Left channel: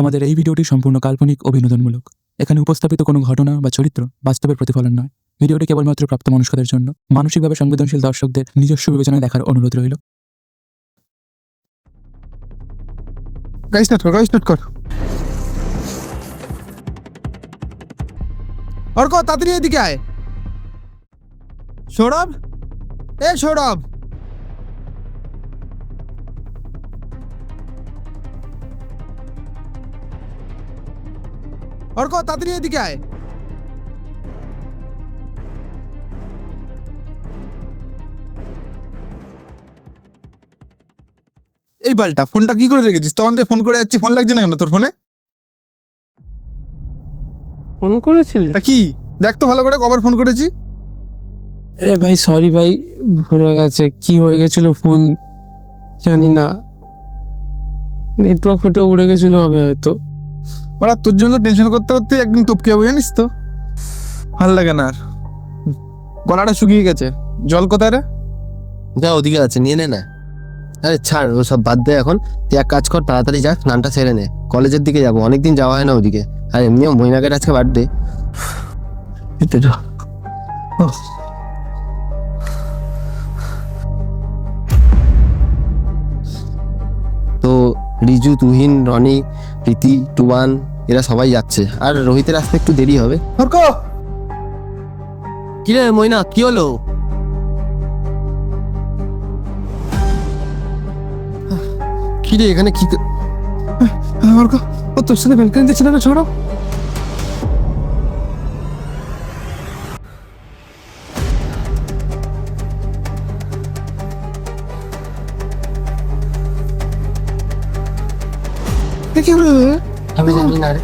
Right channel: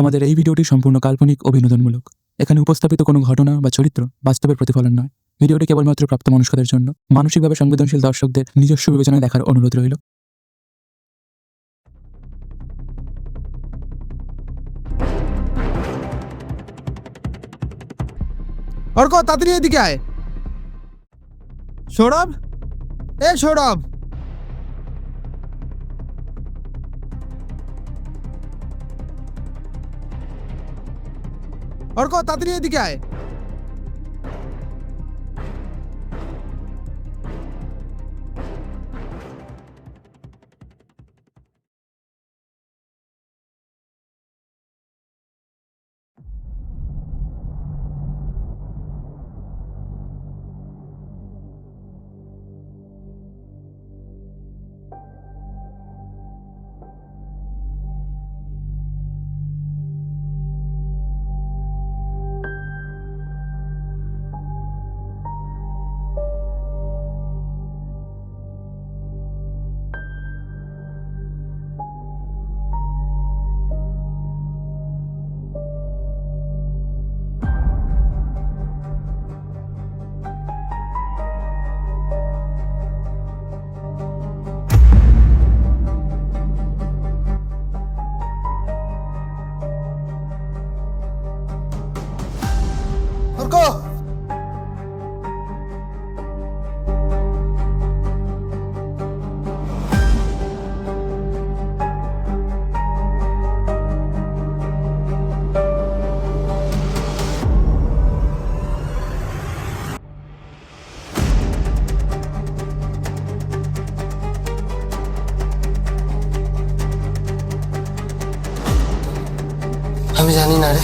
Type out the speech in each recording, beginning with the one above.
আমাদের এই ভিডিওটি সম্পূর্ণ কাল্পনিক ও বিনোদনমূলক। এখানে উপস্থাপিত কোনো ঘটনা বা চরিত্র বাস্তবের প্রতিফলন নয়। ভিডিওটি কেবলমাত্র প্রাপ্তবয়স্কদের জন্য। মানসিকভাবে সংবেদনশীল দর্শকদের নিজস্ব বিবেচনায় দেখার অনুরোধ রইল। গাড়ি স্টার্ট কর। অর্ক তাড়াতাড়ি এদিকে আয়। সৌরভ, সৌরভ, অর্ক তাড়াতাড়ি এদিকে আয়। এই বালটা ফোনটা কি করে রেখেছিস? তখন থেকে ফোন করে যাচ্ছি, ফোন লাগছে না কেন তোর ফোনে? ফোন করেছিলি? তা কি দেখ তো ভালো করে, কবার ফোন করেছি। আরে ভাই সরি ভাই, ভুলে গেছে। কি হয়ে গেছিল ফোন জানি না, নেটওয়ার্ক ফেটে উড়ে গেছিল হবে হয়তো। ওরা তোর জন্য টেনশন করতে করতে একদিন টপকে যাবো জানিস তো। ভাল লাগে না আর, গলাটা শুকিয়ে গেছে। জল কোথায় রে? যা ওদিকে আছে, নিয়ে নে না। আরে ছাড়, ও সব বাদ দে এখন। তুই এক কাজ কর, তাড়াতাড়ি যা, স্নানটা সেরে নে। কলেজের দিকে যাবো, অনেকদিন যাওয়া হয় না ওদিকে। আর এমনিও মৈনাকের আজকে বার্থডে। তো রিজু, তুহিন, রনি, প্রীতি, টুবান এরা সবাই যাচ্ছে। আর রোহিতের আসতে একটু দেরি হবে। অর্ক, কি রে মৈনা, কি হলো? কি রে এখানে কি? অর্ক, ও তোর সাথে ব্যালকনি দিচ্ছে না সৌরভ? আমি জানি না রে,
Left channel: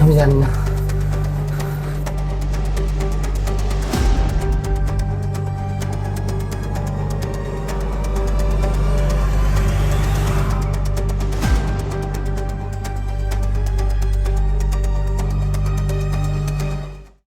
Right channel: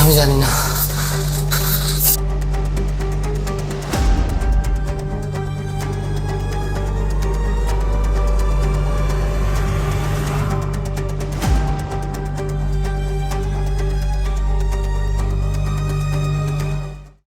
আমি জানি না।